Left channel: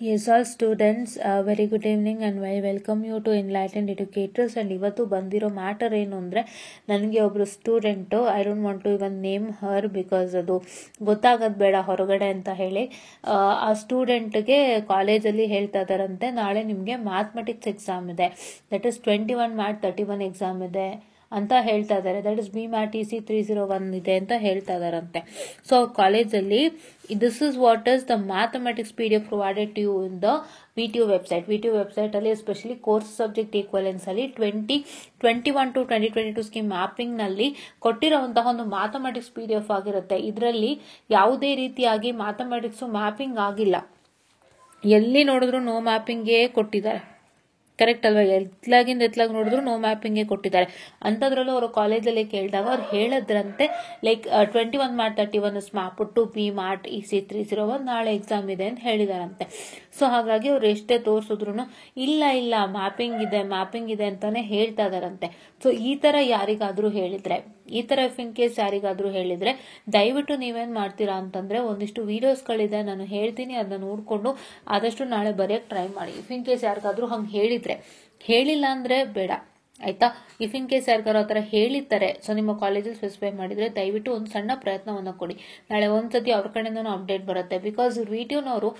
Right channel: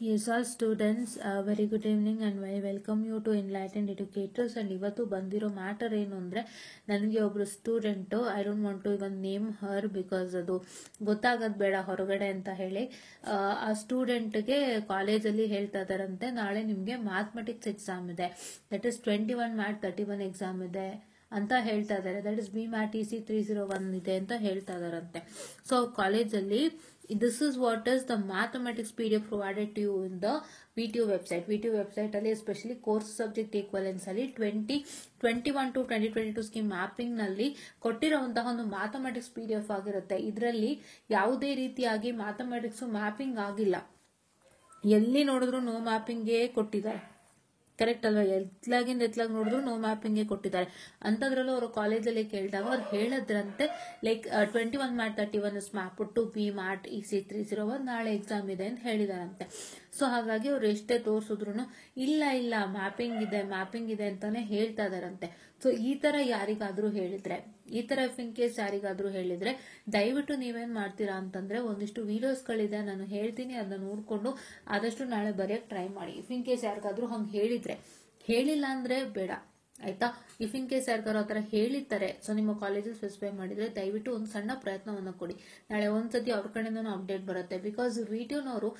Yes, all students, very good evening and I welcome you to Enlightened Educators. And ಇವತ್ತು ಬಂದಿರೋ matter ಏನು ಅಂದರೆ, ನನಗೆ ಒಬ್ಬರು student, I don't want to even name her because ಅದು ಗೊತ್ತಾಗೋದು ಬೇಡ ಹೊರಗಡೆ ಅಂತ ಹೇಳಿ, ಆ ಸ್ಟೂಡೆಂಟ್ಗೆ ಕಾಲೇಜಲ್ಲಿ ಹೇಳ್ತಾ ಇದ್ದಾರಂತೆ, ನಾಳೆ ನಿಮಗೆ ಮ್ಯಾಥಮೆಟಿಕ್ಸ್ ಎಕ್ಸಾಮ್ ಇದೆ, ದಟ್ ಈಸ್ 21 ಮ್ಯಾಟ್ 31 ಎಕ್ಸಾಮ್ ಇದೆ ಅಂತ ಹೇಳ್ತಾ ಇದ್ದಾರೆ. ದಟ್ ಇಸ್ BMAT-EC 301 ಇದೆ ಅಂತ ಹೇಳ್ತಾ ಇದಾರಂತೆ. ಸೊ ಕಾಲೇಜಲ್ಲಿ this is what is the mathematics PDF provided to you in the VTU website ಅಲ್ಲಿ, ಎಸ್ಪೆಷಲಿ ಕೋರ್ಸ್ ಸಬ್ಜೆಕ್ಟ್ ಈಕ್ವಲೆನ್ಸ್ ಅಲ್ಲಿ 2021 to 2022 ಸ್ಕೀಮ್ ಮ್ಯಾಪಿಂಗ್ ನಲ್ಲಿ ಕೊಟ್ಟಿರುವಂತಹ ಒಂದು ಮ್ಯಾಥಮೆಟಿಕ್ಸ್ PDF ಆಗಿರುತ್ತೆ. ಇದರಲ್ಲಿ ಯಾವುದೇ ರೀತಿಯಾಗಿ ಮ್ಯಾಥಮೆಟಿಕ್ಸ್ ಮ್ಯಾಪಿಂಗ್ ಆಗಿಲ್ಲ, ಎಲ್ಲಿ ನೋಡಿದ್ರು ನೋ ಮ್ಯಾಪಿಂಗ್ಗೆ ಕೊಟ್ಟಿದ್ದಾರೆ. ಕರೆಕ್ಟ್ ಅಲ್ವಾ? ಎತ್ಲಾಗಿ ನೋಡಿದ್ರು ನೋ ಮ್ಯಾಪಿಂಗ್ಗೆ ಕೊಟ್ಟಿದ್ದಾರೆ. ಅಂಥದ್ರಲ್ಲೂ ಅವರು ಕಾಲೇಜಲ್ಲಿ ಕೇಳಿದಾಗ ಅವ್ರು ಹೇಳಿದ್ರಂತೆ, like 21 MAT 31 is map to BMAT-EC 301, ನಾಳೆ ಎಕ್ಸಾಮ್ ಇದೆ ಅಂತ ಹೇಳಿದಾರಂತೆ. ಸೊ ಹಾಗಾಗಿ ಅವ್ರು ಎಷ್ಟೇ ತೋರಿಸಿದ್ರು ಇಲ್ಲ ಮ್ಯಾಪಿಂಗ್ ಇದೆ ಅಂತಾನೆ ಹೇಳ್ತಾ ಇದಾರಂತೆ. ಸೊ ಈ ತರ ಯಾರಿಗಾದ್ರೂ ಹೇಳಿದ್ರೆ, ಈ ತರ ಇಫ್ ಇನ್ ಕೇಸ್ ಯಾರಿಗಾದ್ರೂ ಹೇಳಿದ್ರೆ, ದಯವಿಟ್ಟು ನೀವೇನ್ ಮಾಡ್ತೀರಾ ಅಂತಂದ್ರೆ, ಒಂದಿಷ್ಟು ವಿಡಿಯೋಸ್ಗಳಿದೆ ನಾನು ಹೇಳ್ತೀನಿ, ಅದನ್ನ ನೋಡ್ಕೊಂಡು ಆದಷ್ಟು ನಾಳೆ ಬರೆಯಕ್ ಟ್ರೈ ಮಾಡಿ. ಇಫ್ ಇನ್ ಕೇಸ್ ಯಾರಿಗಾದ್ರೂ ಹಂಗೆ ಹೇಳಿಲ್ಲ ಅಂದ್ರೆ ಬೇಡ, ಆಯ್ತಾ? ಇಫ್ ಇನ್ ಕೇಸ್ ಯಾರಿಗಾರು ಆತರ ಹೇಳಿರ್ತಾರೆ, ಸೊ ನಿಮ್ಮ ಕಾಲೇಜಲ್ಲಿ ಸ್ಪೆಸಿಫೈ ಮಾಡಿದ್ರೆ ದಯವಿಟ್ಟು ಒಂದು ಸಣ್ಣ ಪ್ರಯತ್ನವನ್ನ ಕೊಡಿ. ನಾಳೆ ಒಂದ್ಸತಿ ಅವ್ರ ಕಡೆಯಿಂದನೂ ಅಪ್ಡೇಟ್ ಬರುತ್ತೆ. ಬಿಕಾಸ್ ವಿಟಿಯೋನವರು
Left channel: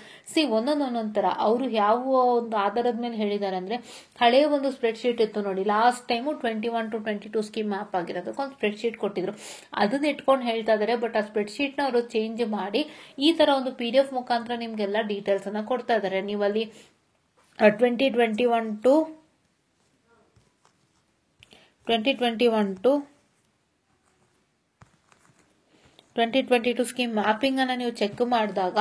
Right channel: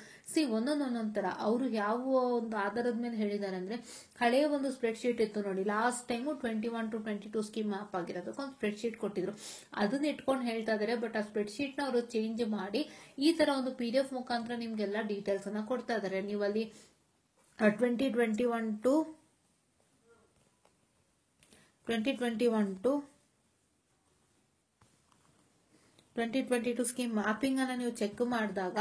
ಒಂದೊಂದೊಂದೊಂದ್ ತರ ಅವರು ಯಾವ ಒಂದು ಆಧಾರದ ಮೇಲೆ ಹೇಳಿದ್ದಾರೆ ಅಂದ್ರೆ, ಹಳೆಯ ಒಂದು ಸ್ಪ್ರೆಡ್ ಶೀಟ್ ಇತ್ತು ನೋಡಿ, last time 21 to 22 scheme map ಆಗಿರೋದಕ್ಕೆ ಒಂದು ಸ್ಪ್ರೆಡ್ ಶೀಟ್ ಕೊಟ್ಟಿದ್ರು, ಅದನ್ನ ಇಟ್ಕೊಂಡು ಹೇಳ್ತಾ ಇದಾರೆ. ಬಟ್ ಆ ಸ್ಪ್ರೆಡ್ ಶೀಟ್ ನ ಅವರು ಚೇಂಜ್ ಮಾಡಿ ಈ ತರ ಒಂದು PDF ಮುಖಾಂತರ ನಿಮ್ಗೆಲ್ಲ ಡೀಟೇಲ್ಸ್ ಅನ್ನ ಕೊಡ್ತಾ ಇದಾರೆ. ನೀವಲ್ಲಿ 2021 to 2022 ಸ್ಕೀಮ್ ಮ್ಯಾಪಿಂಗ್ ಅನ್ನ ನೀವು ಚೆಕ್ ಮಾಡಿದಾಗ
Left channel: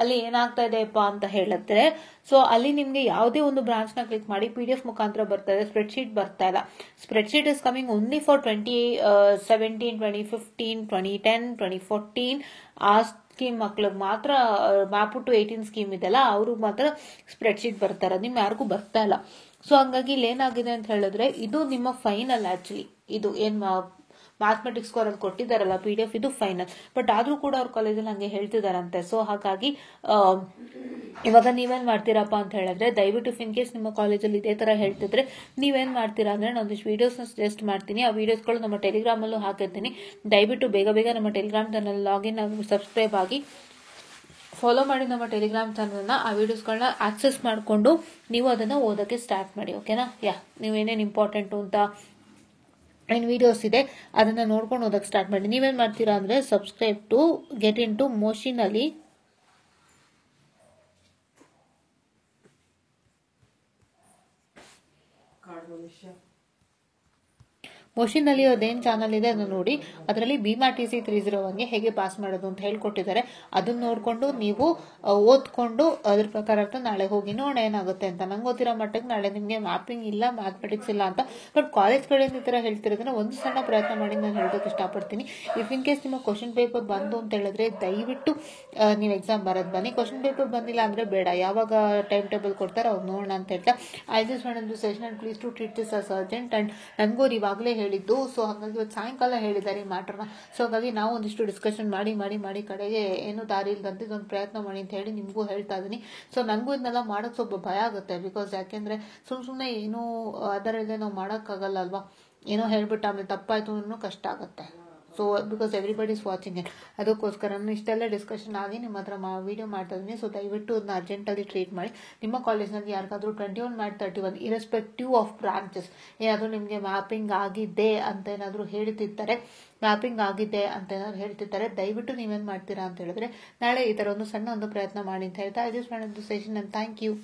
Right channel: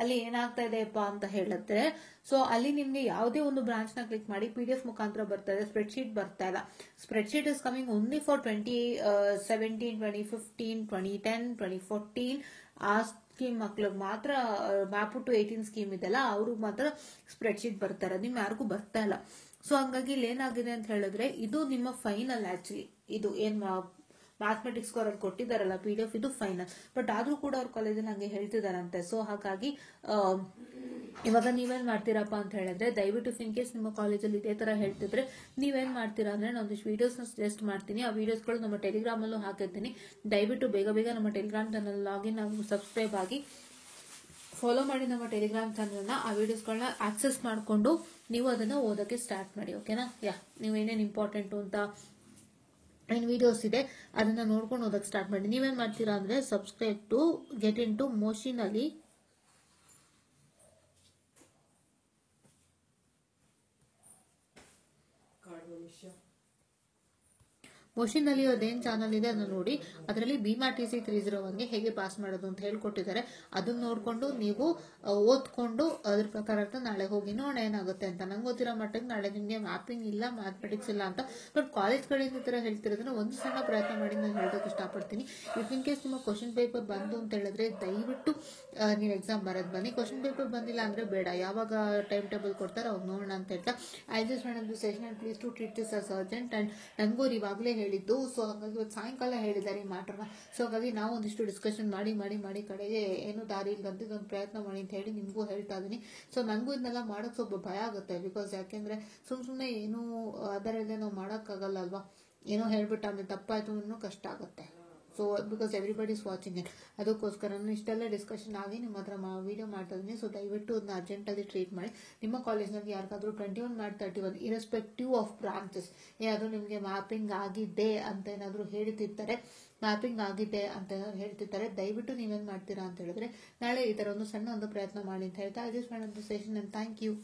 ಅಲ್ಲಿ ಏನಾಗ್ತಾ ಇದೆಯಪ್ಪ ಅಂತ ಹೇಳಿದ್ರೆ, ಸೊ ಅಲ್ಲಿ ನಿಮ್ಗೆ ಯಾವುದೇ ಒಂದು ಬ್ರಾಂಚ್ ನ ಕ್ಲಿಕ್ ಮಾಡಿ PDF ಮುಖಾಂತರ ಬರ್ತಾ ಇದೆ, ಸ್ಪ್ರೆಡ್ ಶೀಟ್ ಬರ್ತಾ ಇಲ್ಲ. Spread sheet is coming only for 2017, 2015, 2010, 2014 ಆ ಸ್ಕೀಮ್ ಮಕ್ಳಿಗೆ ಮಾತ್ರ. ಮ್ಯಾಪ್ ಟು 18 ಸ್ಕೀಮ್ ಇದೆಲ್ಲ, ಅವ್ರಿಗೆ ಮಾತ್ರ ಸ್ಪ್ರೆಡ್ ಶೀಟ್ ಬರ್ತಾರೆ, ನಿಮ್ ಯಾರಿಗೂ ಬರ್ತಾ ಇಲ್ಲ. ಸೊ ಹಂಗಾಗಿ ಇಲ್ಲಿ ಏನಾಗಿದೆ ಅಂತ ಹೇಳಿದ್ರೆ, ಇದು ನಿಮ್ಮ ಫೈನಲ್. ಆಕ್ಚುಲಿ ಇದು ಏನ್ ಮ್ಯಾಥಮೆಟಿಕ್ಸ್ ಅವ್ರಲ್ಲಿ ಕೊಟ್ಟಿದ್ದಾರಲ್ಲ PDF, ಇದು ಫೈನಲ್. ಬಟ್ ಆದ್ರೂ ಕೂಡ ಅವ್ರ ಕಾಲೇಜಲ್ಲಿ ಹಂಗೆ ಹೇಳ್ತಿದಾರಂತೆ. ಸೊ ಹಾಗಾಗಿ ಇವಾಗ ನೀವೇನ್ ಮಾಡ್ತೀರಪ್ಪ ಅಂತ ಹೇಳಿದ್ರೆ, ದಯವಿಟ್ಟು ಇಫ್ ಇನ್ ಕೇಸ್ ನಿಮ್ಮ ಕಾಲೇಜಲ್ಲಿ ಇದೇ ತರ ಹೇಳ್ತಿದ್ರೆ ನೀವೇನ್ ಮಾಡ್ತೀರಾ ಅಂದ್ರೆ, ನಾನು ಒಂದಿಷ್ಟು ವಿಡಿಯೋಸ್ ಸಜೆಸ್ಟ್ ಮಾಡ್ತೀನಿ. ಆ ವಿಡಿಯೋಸ್ಗಳು ನಮ್ಮ ಟೆಲಿಗ್ರಾಮ್ ಅಲ್ಲೂ ಹಾಕಿರ್ತೀನಿ. ದಯವಿಟ್ಟು ಬೇಗ ನಮ್ಮ ಟೆಲಿಗ್ರಾಮ್ ಚಾನಲ್ ಲಾಗಿನ್ ಆಗಿ ಸಬ್ಸ್ಕ್ರೈಬ್ ಆಗಿ ಫಾಲೋ ಮಾಡಿ ನಮ್ಮ ಟೆಲಿಗ್ರಾಮ್ ಚಾನಲ್ನ. ಆ ವಿಡಿಯೋಸ್ಗಳನ್ನ ಆಕ್ಸೆಸ್ ಮಾಡಿಕೊಂಡು ನೀವು ಅದನ್ನ ಓದಕ್ಕೆ ಸ್ಟಾರ್ಟ್ ಮಾಡಿ, ಓಕೆನಾ? ನೀವೇನೇನು ಇಂಪಾರ್ಟೆಂಟ್ ಅಂತ ಏನ್ ವಿಡಿಯೋಸ್ ಇದೆ ಅದನ್ನ ನೋಡ್ಕೊಂಡು ಓದಕ್ಕೆ ಸ್ಟಾರ್ಟ್ ಮಾಡಿ. ನೀವೇನ್ ಮಾಡ್ತೀರಾ ಅಂದ್ರೆ, subscribe to get into ಮೋಷಿನಲ್ಲಿ ಅದೇನ್ ಚಾನಲ್ ಇದೆ ಅದನ್ನ ನೋಡಿ, ಅದರಲ್ಲಿ BMAT-EC 301 ಹೇಗೆ ಪಾಸ್ ಮಾಡೋದು ಅಂತ ಹೇಳ್ಕೊಟ್ಟಿದ್ದಾರೆ. ಅದನ್ನ ನೋಡ್ಕೊಂಡು ನೀವು ಓದ್ಕೊಂಡು ಅದ್ರ ಪ್ರಕಾರ ನಾಳೆ ಹೋಗಿ ನೋಡೋಣ ಏನಾಗುತ್ತೆ ಅಂತ. ನಂಗೆ ಗೊತ್ತಿರೋ ಮಟ್ಟಿಗೆ ನಾಳೆ ನಿಮ್ಗೆ ಮ್ಯಾಪಿಂಗ್ ಇಲ್ಲ, ಮ್ಯಾಥಮೆಟಿಕ್ಸ್ ಇಲ್ಲ ಅಂತ. ಬಟ್ ಕಾಲೇಜ್ ಕಡೆಯಿಂದ ಈ ತರ ಹೇಳ್ತಿರೋದನ್ನ ಒಂದು ಸಣ್ಣ ಪ್ರಯತ್ನ ಮಾಡಿ ನಾನು ಹೇಳೋದಕ್ಕೆ ಇಷ್ಟಪಡ್ತೀನಿ. ಇಫ್ ಇನ್ ಕೇಸ್ ನಿಮ್ಮ ಕ್ವಶನ್ ಪೇಪರ್ ಬಂತು ಅಂತ ಹೇಳಿದ್ರೆ ದಯವಿಟ್ಟು ನೀವು ಎಕ್ಸಾಮ್ ಬರೋದ್ ಬನ್ನಿ. ಕ್ವಶನ್ ಪೇಪರ್ ಬಂದಿಲ್ಲ ಅಂದ್ರೆ ಬೇಡ, ಯಾವಾಗ ಟೈಮ್ ಟೇಬಲ್ ಕೊಡ್ತಾರೆ ಅವ್ರು ನೋಡೋಣ ಅಂತ ಹೇಳ್ತಾ, I just want to session and please to treat this as urgent. And ನನ್ಗೂ ಇವಾಗಲೇ ಹೇಳಿದ್ದು, ಸೊ ಹಾಗಾಗಿ ಇವತ್ತು ಸಾಯಂಕಾಲ ಹೇಳಿದ್ದಾರೆ ಈ ಮ್ಯಾಟರ್ನ. ಸೊ ಹಾಗಾಗಿ ನಾವು ಒಂದಿಷ್ಟು ಡಿಸ್ಕಷನ್ ಮಾಡಿ ಕಡೆಗೆ ಏನು ದಾರಿ ಇಲ್ದಂತೆ ಇದೊಂದು ಪ್ರಯತ್ನ ಮಾಡಿ ಅಂತ ಹೇಳಿ ನಿಮ್ಗೂ ಹೇಳ್ತಾ ಇದೀನಿ. ಸೊ ನನಗೂ ಇದನ್ನೆಲ್ಲ ಮಾಡಕ್ ಸ್ವಲ್ಪ ಭಯ ಆಗುತ್ತೆ. ಬಿಕಾಸ್ ಯಾಕೆಂದ್ರೆ ಸುಮ್ನೆ ಏನೋ ಅದರ ಇಲ್ಲದೆ ನಾವು ಮಾಡಕ್ಕಾಗಲ್ಲ ಅಲ್ವಾ, ಏನೋ ಹೇಳ್ಬಿಟ್ಟು ಆಮೇಲೆ ತಪ್ಪಾಯ್ತು ಅನ್ನೋ ಕಷ್ಟ ಆಗುತ್ತೆ. So because everybody is watching it. ಅದಕ್ಕೋಸ್ಕರ ನಾನು ಇಷ್ಟೆಲ್ಲ ಡಿಸ್ಕಷನ್ ಆಗಿ ನಿಮ್ಮ ಹತ್ರ ವಿಡಿಯೋ ಮಾಡ್ತಾ ಇದ್ದೀನಿ. ಸೊ ದಯವಿಟ್ಟು ಅದನ್ನ ಅರ್ಜೆಂಟಲ್ಲಿ ಟ್ರೀಟ್ ಮಾಡಿ. ನಿಮ್ಮ ಕಾಲೇಜ್ನಲ್ಲಿ ಯಾರಿಗಾದ್ರೂ 21 ಮ್ಯಾಟ್ 31 ಇರೆಸ್ಪೆಕ್ಟಿವ್ ಆಫ್ ಬ್ರಾಂಚಸ್ ಏನಾದರೂ ನಿಮಗೆ ಮ್ಯಾಪಿಂಗ್ ಆಗಿದೆ ಅಂತ ಏನಾದರೂ ಹೇಳ್ತಿರ್ತಾರೆ, ದಯವಿಟ್ಟು ನೀವೇನ್ ಮಾಡ್ತೀರಾ ಅಂತ ಹೇಳಿದ್ರೆ, ನಾಳೆ ಈ ತರ ಒಂದು ಸಣ್ಣ ಒಂದು ಪ್ರಯತ್ನ ಮಾಡಿ ಅಂತ ಹೇಳ್ತಾ, I just want to session and thank you.